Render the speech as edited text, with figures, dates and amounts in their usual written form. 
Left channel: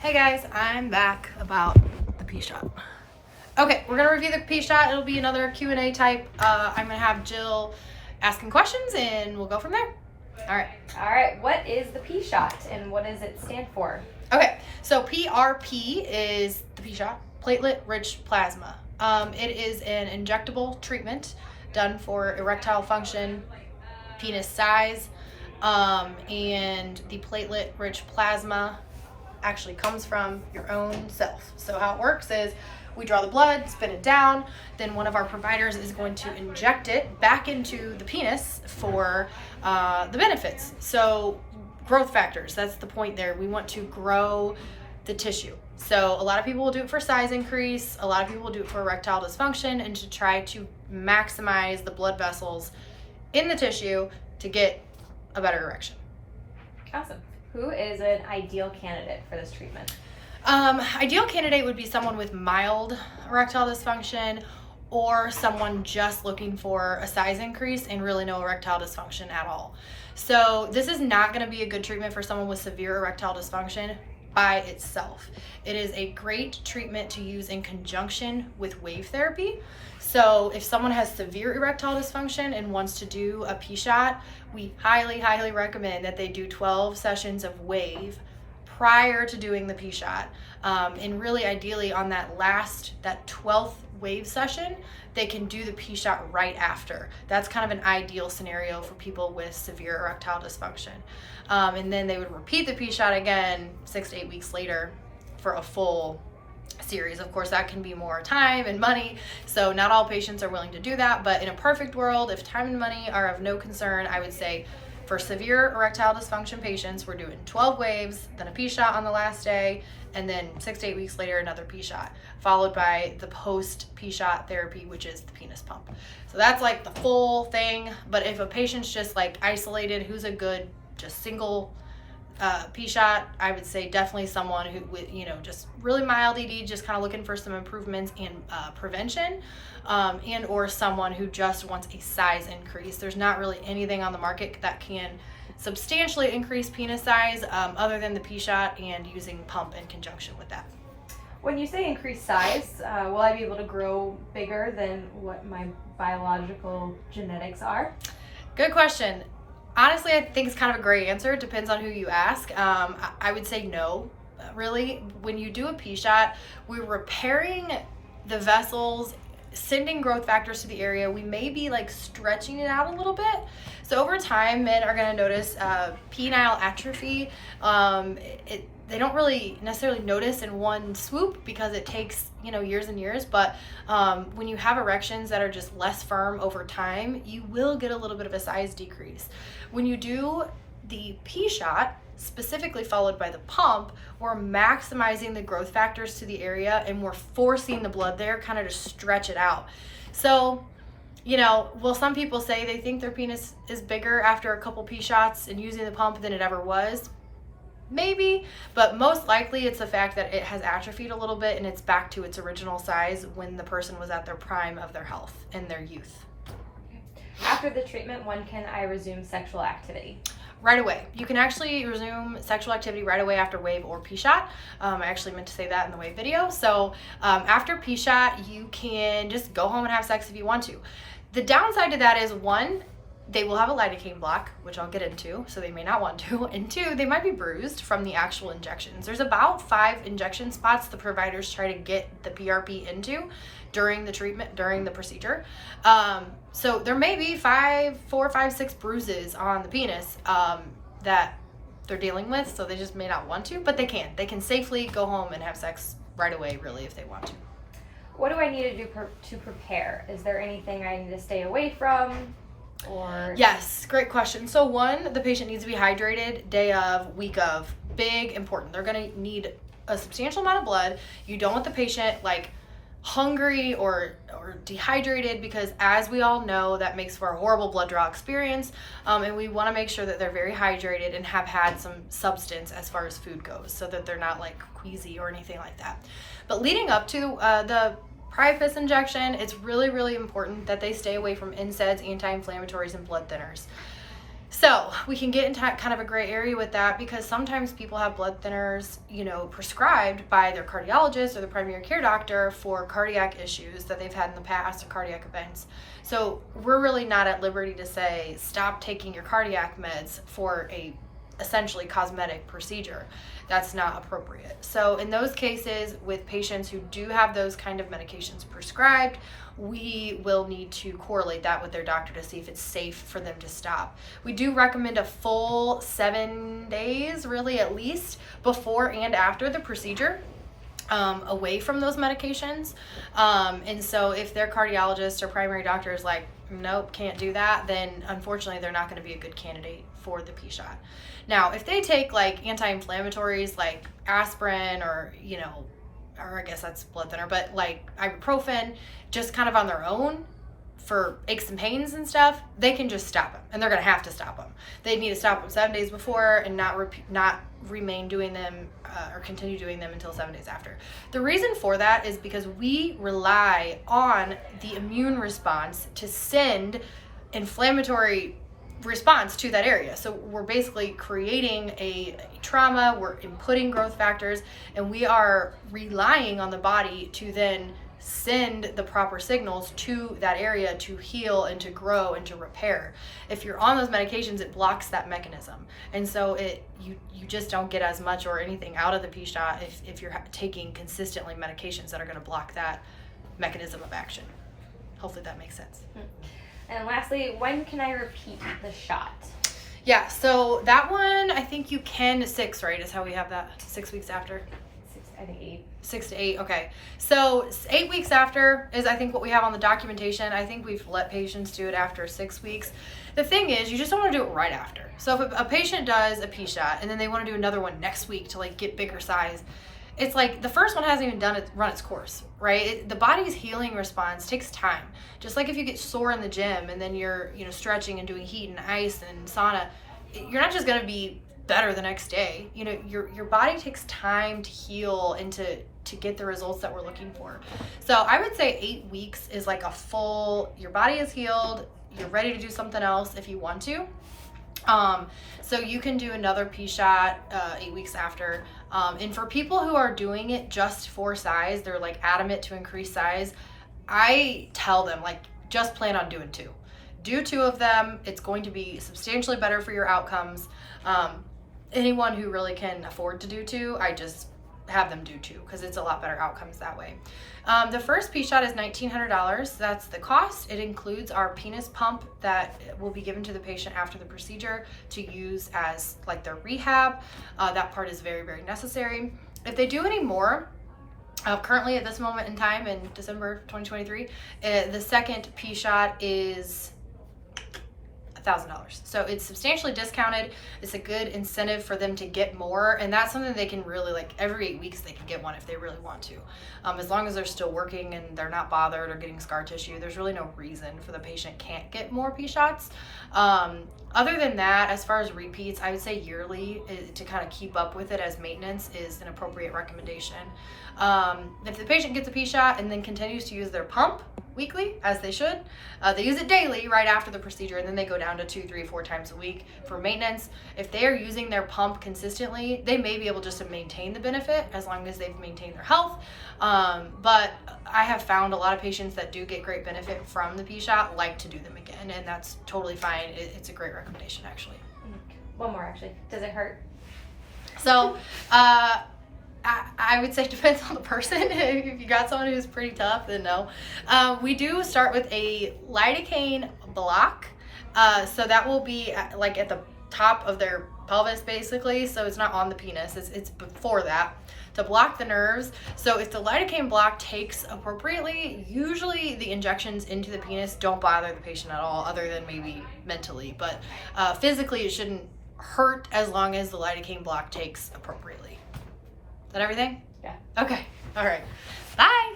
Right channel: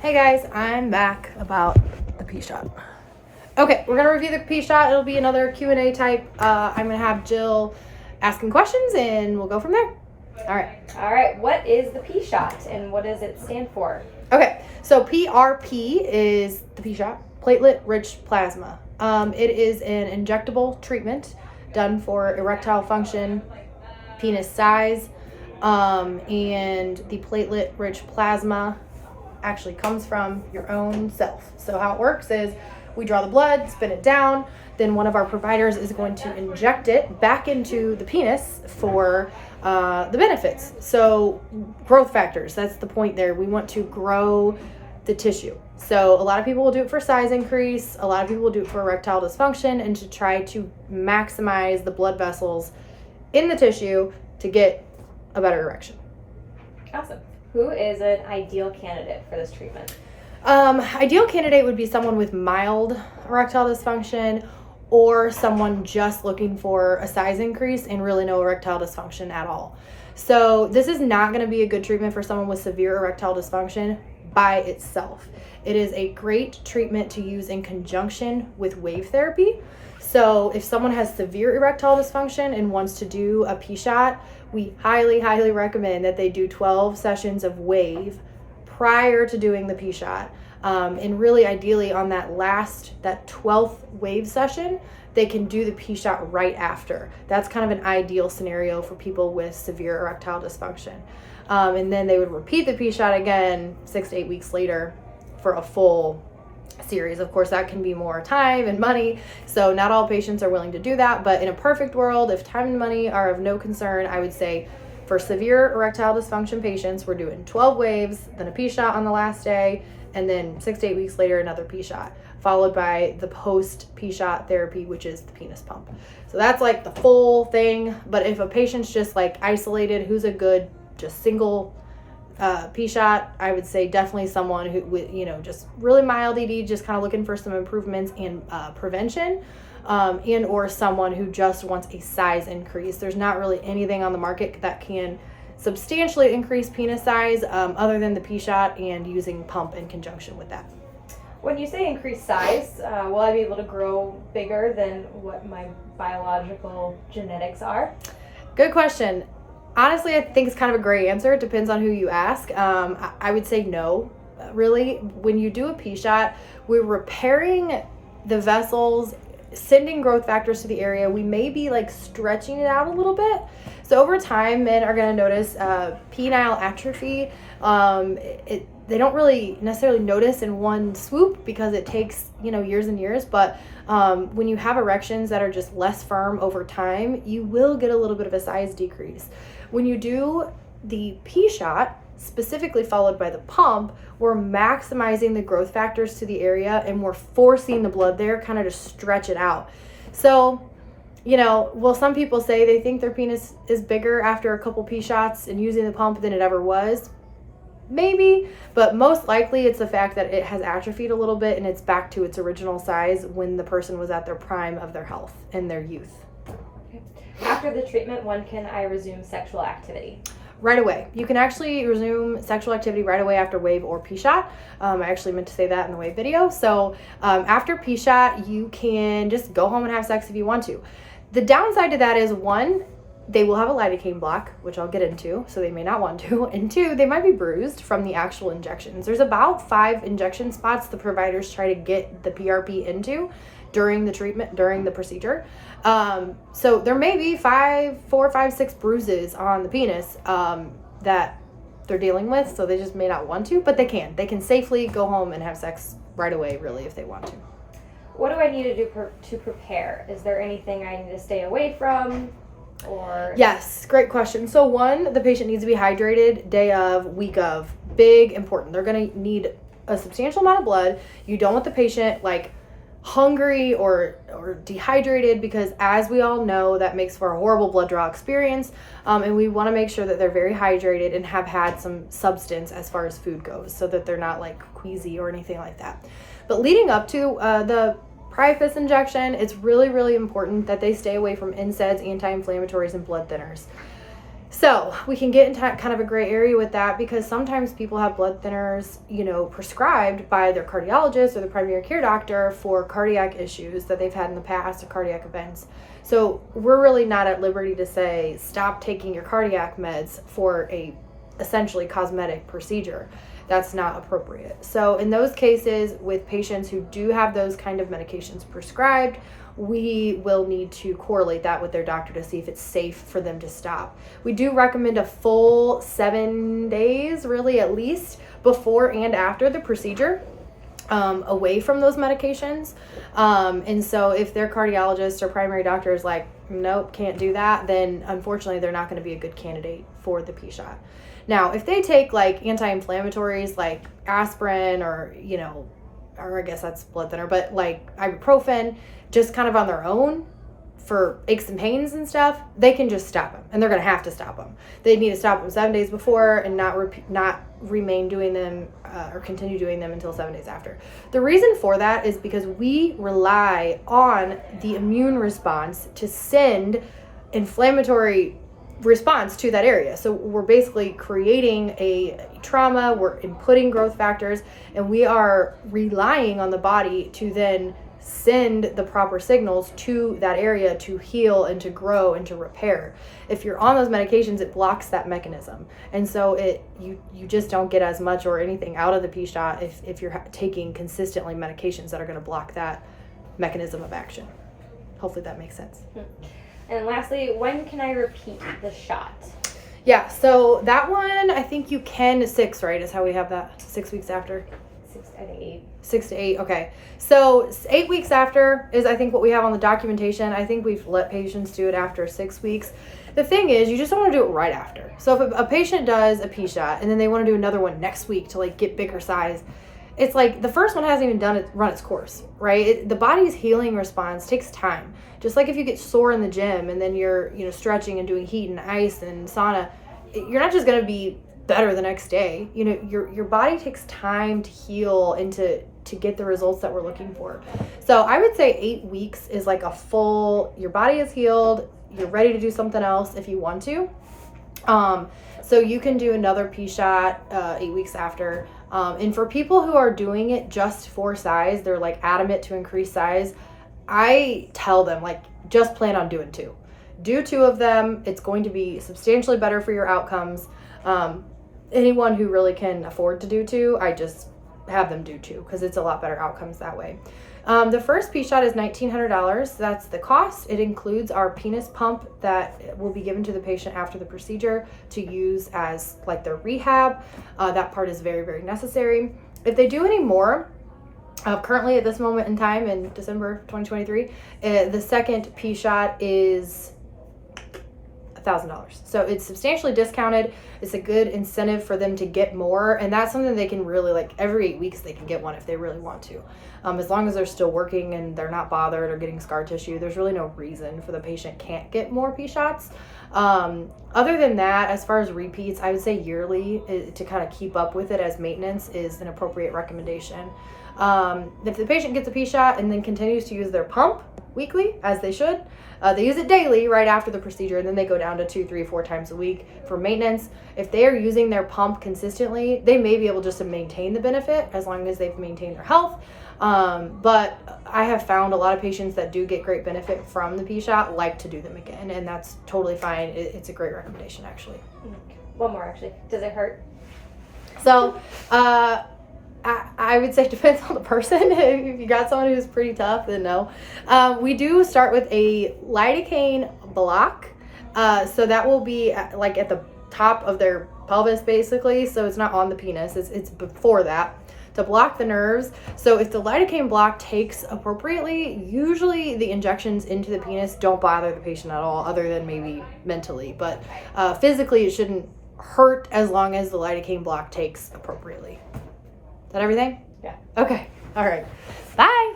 Hey guys, I'm back about the P-shot. Okay, we're gonna review the P-shot. It'll be another Q&A type. I'm gonna have Jill asking questions and we'll go from there. All right. What is the P-shot and what does it stand for? Okay, so PRP is the P-shot, platelet-rich plasma. It is an injectable treatment done for erectile function, penis size, and the platelet-rich plasma actually comes from your own self. So how it works is we draw the blood, spin it down, then one of our providers is going to inject it back into the penis for the benefits. So growth factors, that's the point there. We want to grow the tissue. So a lot of people will do it for size increase, a lot of people will do it for erectile dysfunction and to try to maximize the blood vessels in the tissue to get a better erection. Awesome. Who is an ideal candidate for this treatment? Ideal candidate would be someone with mild erectile dysfunction or someone just looking for a size increase and really no erectile dysfunction at all. So this is not going to be a good treatment for someone with severe erectile dysfunction by itself. It is a great treatment to use in conjunction with wave therapy. So if someone has severe erectile dysfunction and wants to do a P-shot, we highly, highly recommend that they do 12 sessions of wave prior to doing the P-shot. And really ideally on that 12th wave session, they can do the P-shot right after. That's kind of an ideal scenario for people with severe erectile dysfunction. And then they would repeat the P-shot again 6 to 8 weeks later for a full series. Of course, that can be more time and money, so not all patients are willing to do that, but in a perfect world, if time and money are of no concern, I would say for severe erectile dysfunction patients, we're doing 12 waves, then a P-shot on the last day, and then 6 to 8 weeks later, another P-shot, followed by the post P-shot therapy, which is the penis pump. So that's like the full thing, but if a patient's just like isolated, who's a good just single P-shot, I would say definitely someone who with just really mild ED, just kind of looking for some improvements in prevention, and or someone who just wants a size increase. There's not really anything on the market that can substantially increase penis size other than the P-shot and using pump in conjunction with that. When you say increased size, will I be able to grow bigger than what my biological genetics are? Good question. Honestly, I think it's kind of a gray answer. It depends on who you ask. I would say no, really. When you do a P-shot, we're repairing the vessels, sending growth factors to the area. We may be like stretching it out a little bit. So over time, men are going to notice penile atrophy. They don't really necessarily notice in one swoop because it takes years and years, but when you have erections that are just less firm over time, you will get a little bit of a size decrease. When you do the P-shot, specifically followed by the pump, we're maximizing the growth factors to the area and we're forcing the blood there kind of to stretch it out. So will some people say they think their penis is bigger after a couple P-shots and using the pump than it ever was? Maybe, but most likely it's the fact that it has atrophied a little bit and it's back to its original size when the person was at their prime of their health and their youth. After the treatment, when can I resume sexual activity? Right away. You can actually resume sexual activity right away after wave or P-shot. I actually meant to say that in the wave video. So after P-shot, you can just go home and have sex if you want to. The downside to that is, one, they will have a lidocaine block, which I'll get into, so they may not want to. And two, they might be bruised from the actual injections. There's about 5 injection spots the providers try to get the PRP into during the treatment, during the procedure. So there may be 4, 5, 6 bruises on the penis that they're dealing with, so they just may not want to, but they can. They can safely go home and have sex right away, really, if they want to. What do I need to do to prepare? Is there anything I need to stay away from? Yes, great question. So one, the patient needs to be hydrated day of, week of. Big, important. They're going to need a substantial amount of blood. You don't want the patient like hungry or dehydrated, because as we all know, that makes for a horrible blood draw experience. And we want to make sure that they're very hydrated and have had some substance as far as food goes, so that they're not like queasy or anything like that. But leading up to the Priapus injection, it's really, really important that they stay away from NSAIDs, anti-inflammatories, and blood thinners. So we can get into kind of a gray area with that, because sometimes people have blood thinners, prescribed by their cardiologist or the primary care doctor for cardiac issues that they've had in the past or cardiac events. So we're really not at liberty to say, stop taking your cardiac meds for a essentially cosmetic procedure. That's not appropriate. So in those cases, with patients who do have those kind of medications prescribed, we will need to correlate that with their doctor to see if it's safe for them to stop. We do recommend a full 7 days, really at least, before and after the procedure, away from those medications. And so if their cardiologist or primary doctor is like, nope, can't do that, then unfortunately they're not going to be a good candidate for the P-shot. Now, if they take like anti-inflammatories like aspirin or I guess that's blood thinner, but like ibuprofen, just kind of on their own for aches and pains and stuff, they can just stop them, and they're going to have to stop them. They need to stop them 7 days before and not remain doing them or continue doing them until 7 days after. The reason for that is because we rely on the immune response to send inflammatory response to that area. So we're basically creating a trauma, we're inputting growth factors, and we are relying on the body to then send the proper signals to that area to heal and to grow and to repair. If you're on those medications, it blocks that mechanism. And so you just don't get as much or anything out of the P-shot if you're taking consistently medications that are going to block that mechanism of action. Hopefully that makes sense. And lastly, when can I repeat the shot? Yeah, so that one, I think you can 6, right? Is how we have that 6 weeks after. 8. 6 to 8, okay. So 8 weeks after is, I think, what we have on the documentation. I think we've let patients do it after 6 weeks. The thing is, you just don't want to do it right after. So if a patient does a P-shot and then they want to do another one next week to like get bigger size, it's like the first one hasn't even run its course, right? The body's healing response takes time. Just like if you get sore in the gym and then you're, stretching and doing heat and ice and sauna, you're not just going to be better the next day. Your body takes time to heal and to get the results that we're looking for. So I would say 8 weeks is like a full, your body is healed, you're ready to do something else if you want to. So you can do another P-shot 8 weeks after. And for people who are doing it just for size, they're like adamant to increase size, I tell them like, just plan on doing 2. Do 2 of them. It's going to be substantially better for your outcomes. Anyone who really can afford to do 2, I just have them do 2 because it's a lot better outcomes that way. The first P-shot is $1,900. That's the cost. It includes our penis pump that will be given to the patient after the procedure to use as like their rehab. That part is very, very necessary. If they do any more, currently at this moment in time in December 2023, the second P-shot is $1,000. So it's substantially discounted. It's a good incentive for them to get more, and that's something they can really, like, every 8 weeks they can get one if they really want to. As long as they're still working and they're not bothered or getting scar tissue, there's really no reason for the patient can't get more P-shots. Other than that, as far as repeats, I would say yearly to kind of keep up with it as maintenance is an appropriate recommendation. If the patient gets a P-shot and then continues to use their pump weekly, as they should, they use it daily right after the procedure, and then they go down to 2, 3, 4 times a week for maintenance. If they are using their pump consistently, they may be able just to maintain the benefit as long as they've maintained their health. But I have found a lot of patients that do get great benefit from the P-shot like to do them again, and that's totally fine. It's a great recommendation, actually. One more, actually. Does it hurt? So, I would say it depends on the person. If you got someone who's pretty tough, then no. We do start with a lidocaine block. So that will be like at the top of their pelvis, basically. So it's not on the penis. It's before that to block the nerves. So if the lidocaine block takes appropriately, usually the injections into the penis don't bother the patient at all, other than maybe mentally. But physically, it shouldn't hurt as long as the lidocaine block takes appropriately. Is that everything? Yeah. Okay. All right. Bye.